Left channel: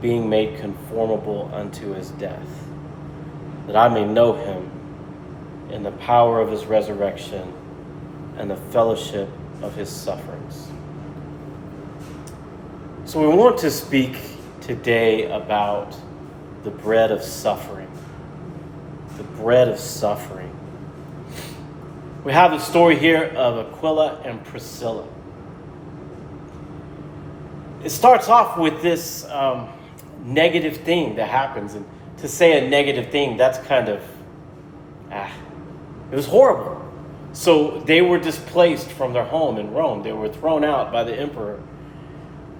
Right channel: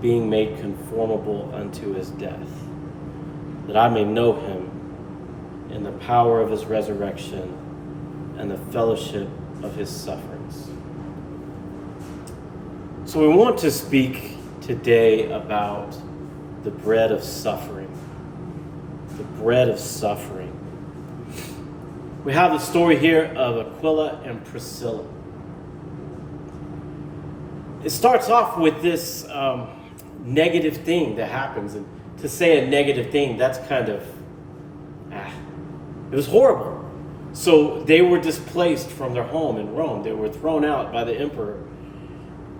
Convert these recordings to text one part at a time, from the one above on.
being made conformable unto his death, that I may know him in the power of his resurrection and the fellowship of his sufferings. So we want to speak today about the bread of suffering. The bread of suffering. We have the story here of Aquila and Priscilla. It starts off with this negative thing that happens. And to say a negative thing, that's kind of, it was horrible. So they were displaced from their home in Rome. They were thrown out by the emperor.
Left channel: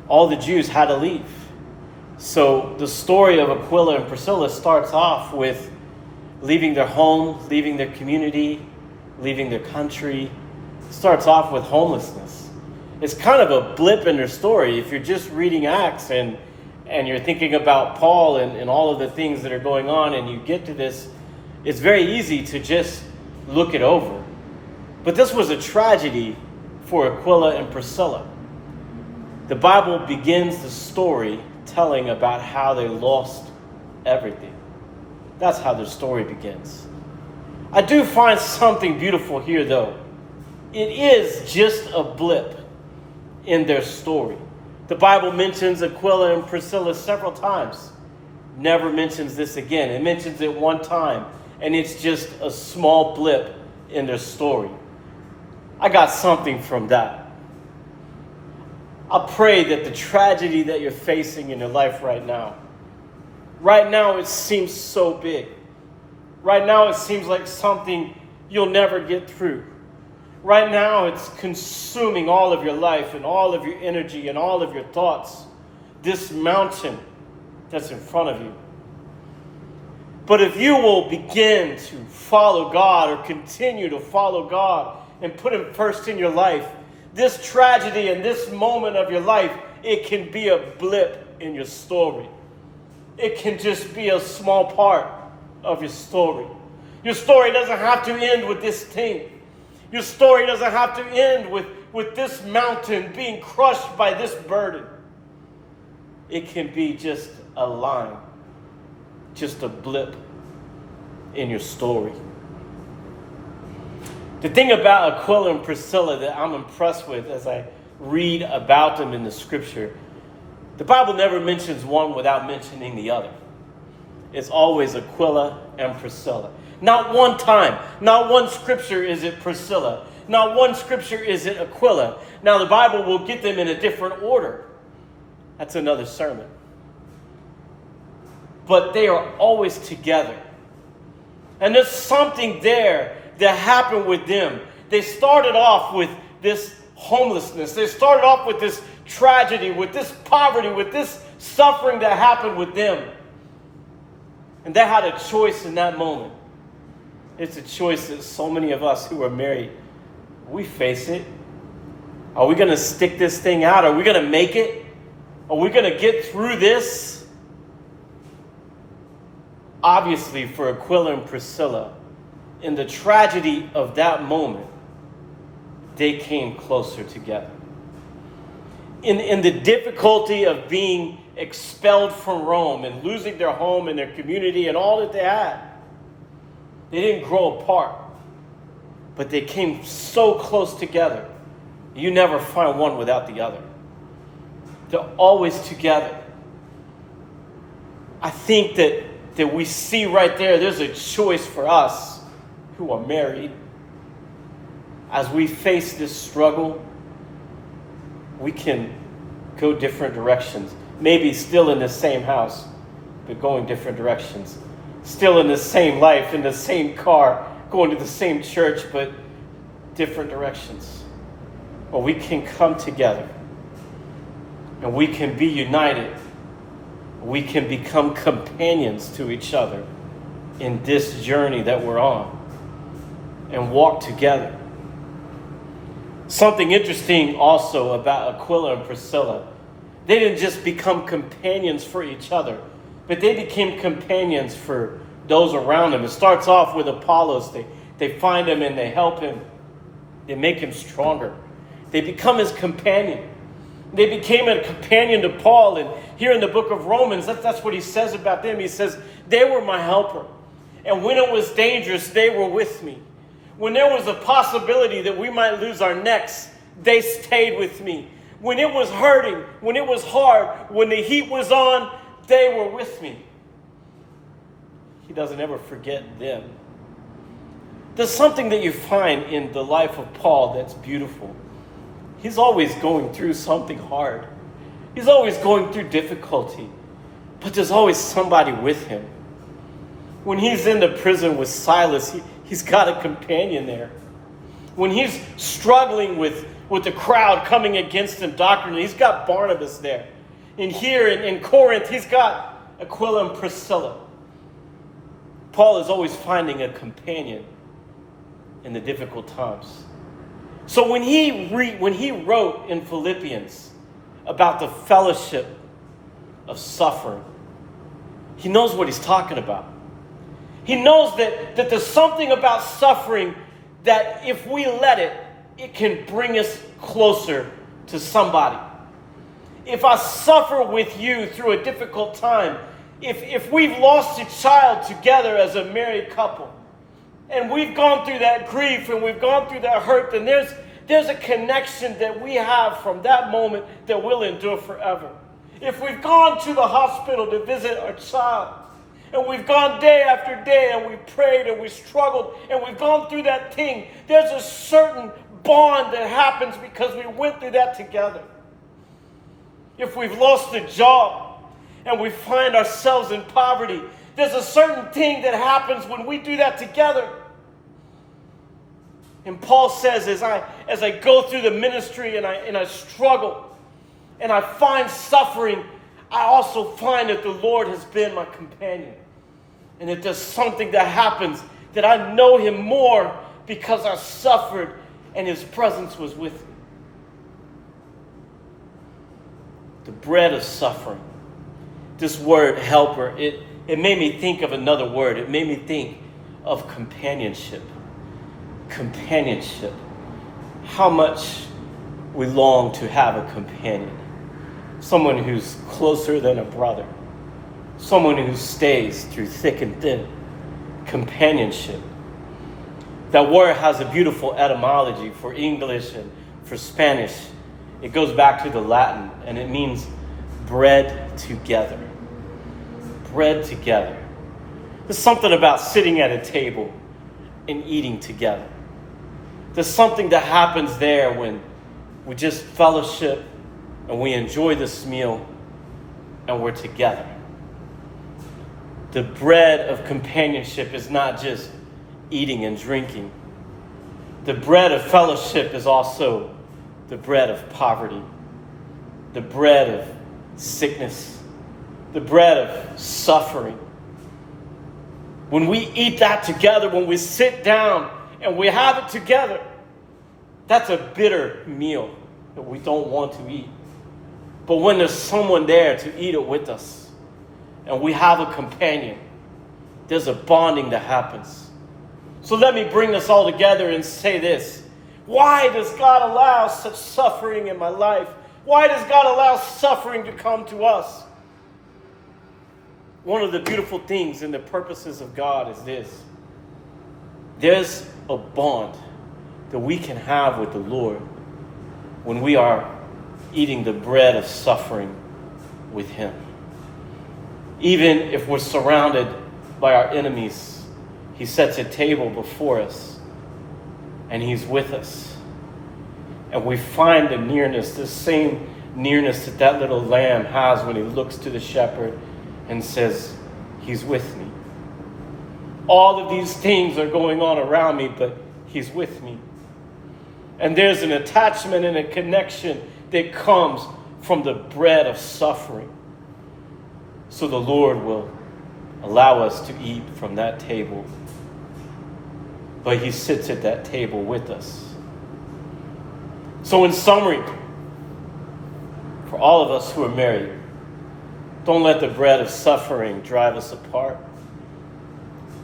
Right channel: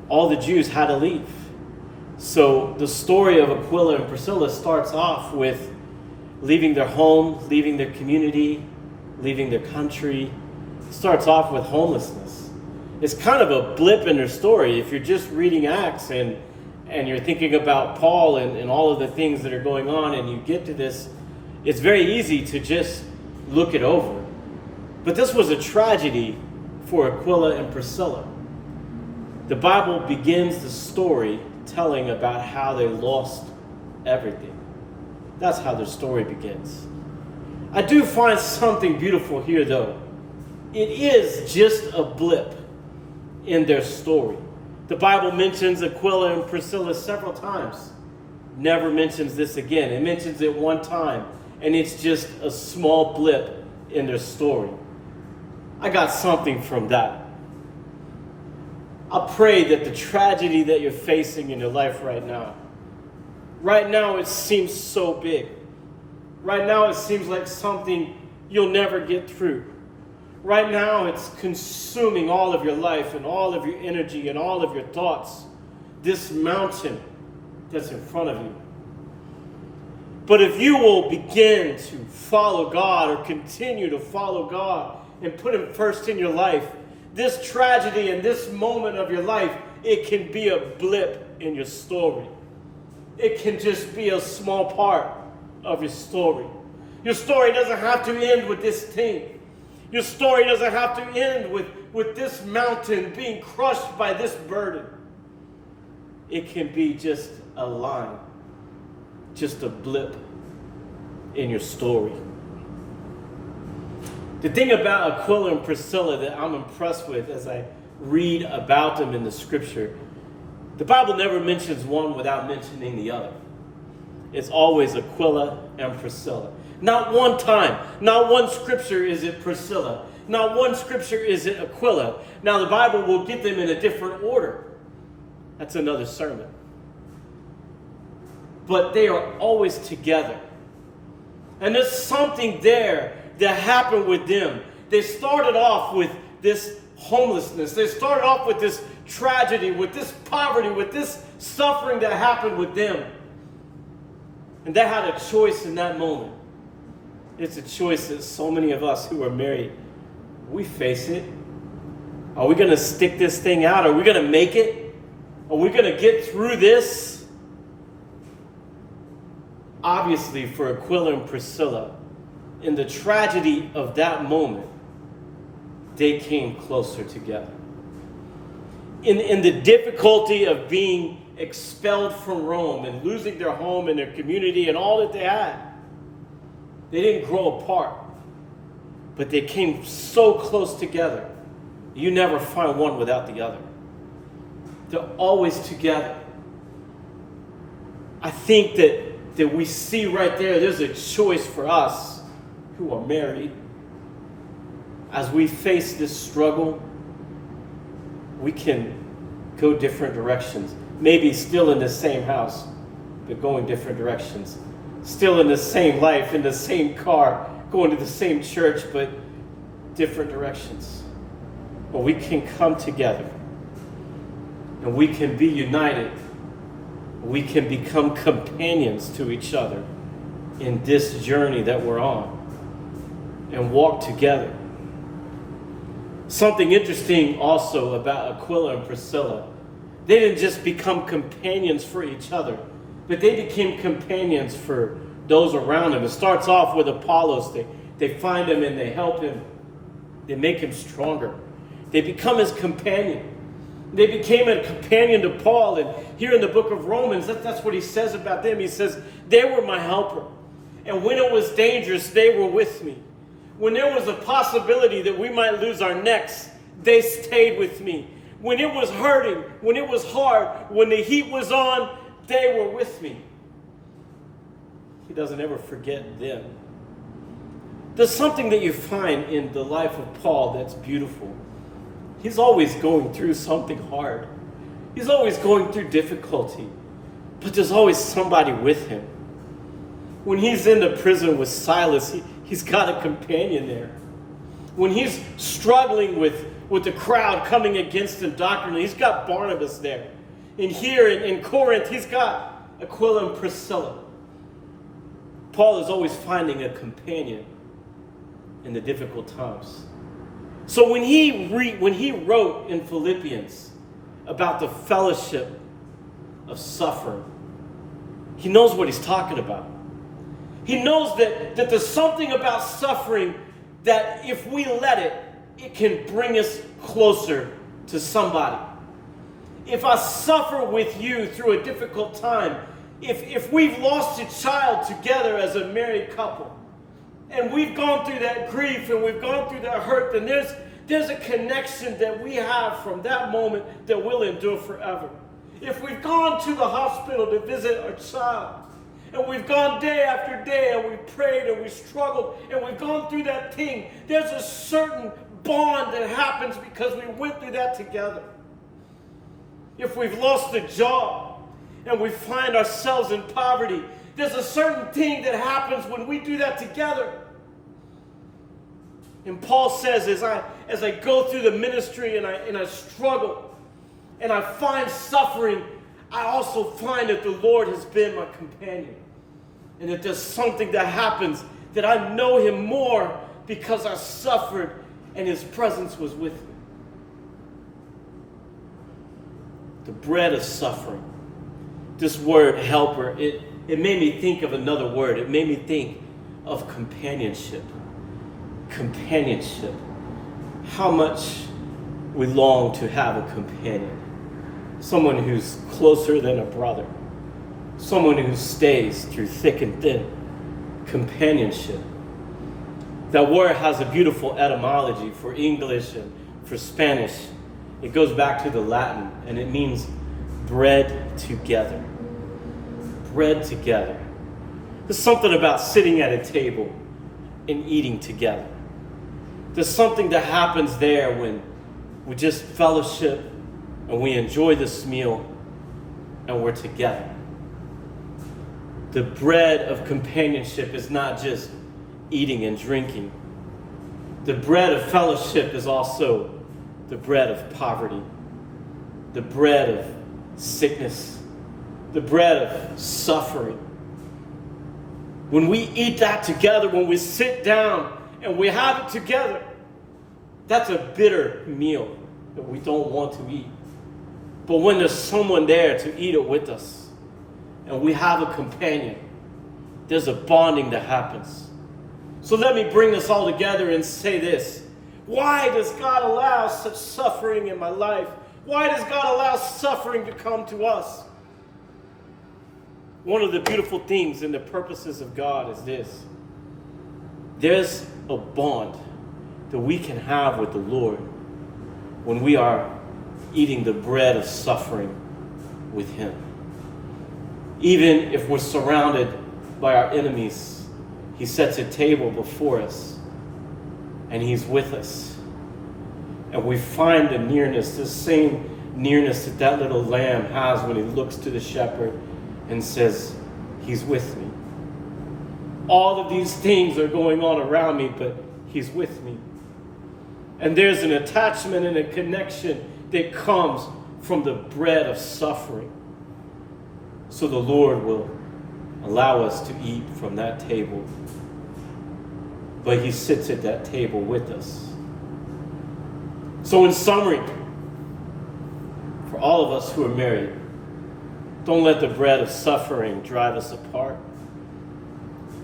All the Jews had to leave. So the story of Aquila and Priscilla starts off with leaving their home, leaving their community, leaving their country. It starts off with homelessness. It's kind of a blip in their story. If you're just reading Acts and you're thinking about Paul and all of the things that are going on and you get to this, it's very easy to just look it over. But this was a tragedy for Aquila and Priscilla. The Bible begins the story telling about how they lost everything. That's how the story begins. I do find something beautiful here, though. It is just a blip in their story. The Bible mentions Aquila and Priscilla several times. Never mentions this again. It mentions it one time, and it's just a small blip in their story. I got something from that. I pray that the tragedy that you're facing in your life right now it seems so big. Right now it seems like something you'll never get through. Right now it's consuming all of your life and all of your energy and all of your thoughts. This mountain that's in front of you. But if you will begin to follow God or continue to follow God and put him first in your life, this tragedy and this moment of your life, it can be a blip in your story. It can just be a small part of your story. Your story doesn't have to end with this thing. Your story doesn't have to end with this mountain being crushed by this burden. It can be just a line, just a blip in your story. The thing about Aquila and Priscilla that I'm impressed with as I read about them in the scripture, the Bible never mentions one without mentioning the other. It's always Aquila and Priscilla. Not one time, not one scripture is it Priscilla. Not one scripture is it Aquila. Now the Bible will get them in a different order. That's another sermon. But they are always together. And there's something there that happened with them. They started off with this homelessness. They started off with this tragedy, with this poverty, with this suffering that happened with them. And they had a choice in that moment. It's a choice that so many of us who are married, we face it. Are we going to stick this thing out? Are we going to make it? Are we going to get through this? Obviously, for Aquila and Priscilla, in the tragedy of that moment, they came closer together. In the difficulty of being expelled from Rome and losing their home and their community and all that they had, they didn't grow apart, but they came so close together. You never find one without the other. They're always together. I think that we see right there's a choice for us who are married. As we face this struggle, we can go different directions. Maybe still in the same house, but going different directions. Still in the same life, in the same car, going to the same church, but different directions. Or we can come together and we can be united. We can become companions to each other in this journey that we're on and walk together. Something interesting also about Aquila and Priscilla, they didn't just become companions for each other, but they became companions for those around him. It starts off with Apollos. They find him and they help him. They make him stronger. They become his companion. They became a companion to Paul. And here in the book of Romans, that's what he says about them. He says, they were my helper. And when it was dangerous, they were with me. When there was a possibility that we might lose our necks, they stayed with me. When it was hurting, when it was hard, when the heat was on, they were with me. He doesn't ever forget them. There's something that you find in the life of Paul that's beautiful. He's always going through something hard. He's always going through difficulty. But there's always somebody with him. When he's in the prison with Silas, he's got a companion there. When he's struggling with the crowd coming against him doctrinally, he's got Barnabas there. And here in Corinth, he's got Aquila and Priscilla. Paul is always finding a companion in the difficult times. So when he wrote in Philippians about the fellowship of suffering, he knows what he's talking about. He knows that there's something about suffering that if we let it, it can bring us closer to somebody. If I suffer with you through a difficult time, if we've lost a child together as a married couple, and we've gone through that grief and we've gone through that hurt, then there's a connection that we have from that moment that will endure forever. If we've gone to the hospital to visit our child, and we've gone day after day, and we've prayed and we've struggled, and we've gone through that thing, there's a certain bond that happens because we went through that together. If we've lost a job and we find ourselves in poverty, there's a certain thing that happens when we do that together. And Paul says, as I go through the ministry and I struggle and I find suffering, I also find that the Lord has been my companion. And that there's something that happens that I know him more because I suffered and his presence was with me. The bread of suffering. This word helper, it made me think of another word. It made me think of companionship. Companionship. How much we long to have a companion. Someone who's closer than a brother. Someone who stays through thick and thin. Companionship. That word has a beautiful etymology for English and for Spanish. It goes back to the Latin, and it means bread together. Bread together. There's something about sitting at a table and eating together. There's something that happens there when we just fellowship and we enjoy this meal and we're together. The bread of companionship is not just eating and drinking. The bread of fellowship is also the bread of poverty, the bread of sickness, the bread of suffering. When we eat that together, when we sit down and we have it together, that's a bitter meal that we don't want to eat. But when there's someone there to eat it with us, and we have a companion, there's a bonding that happens. So let me bring this all together and say this. Why does God allow such suffering in my life? Why does God allow suffering to come to us? One of the beautiful things in the purposes of God is this. There's a bond that we can have with the Lord when we are eating the bread of suffering with him. Even if we're surrounded by our enemies, he sets a table before us and he's with us. And we find the nearness, the same nearness that that little lamb has when he looks to the shepherd and says, he's with me. All of these things are going on around me, but he's with me. And there's an attachment and a connection that comes from the bread of suffering. So the Lord will allow us to eat from that table. But he sits at that table with us. So in summary, for all of us who are married, don't let the bread of suffering drive us apart.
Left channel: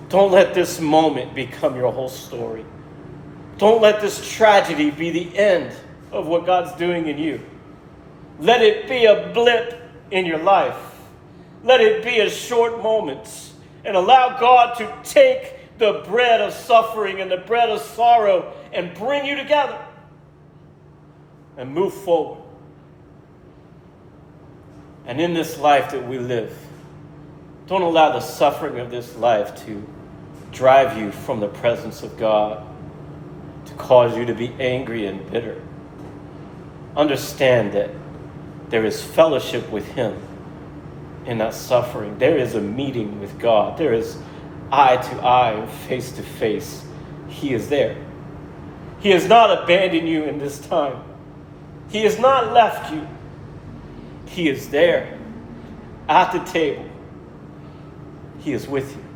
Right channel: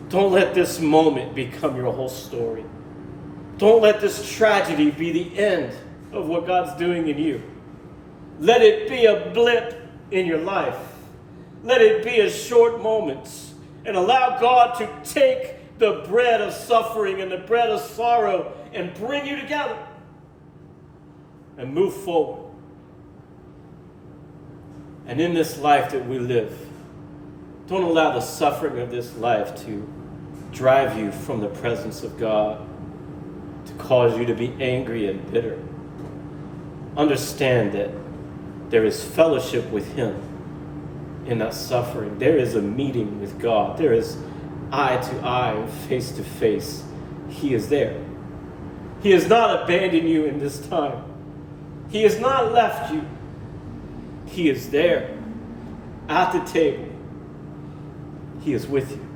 Don't let this moment become your whole story. Don't let this tragedy be the end of what God's doing in you. Let it be a blip in your life. Let it be a short moment. And allow God to take the bread of suffering and the bread of sorrow and bring you together and move forward. And in this life that we live, don't allow the suffering of this life to drive you from the presence of God, to cause you to be angry and bitter. Understand that there is fellowship with Him in that suffering. There is a meeting with God. There is eye to eye, face to face. He is there. He has not abandoned you in this time. He has not left you. He is there at the table. He is with you.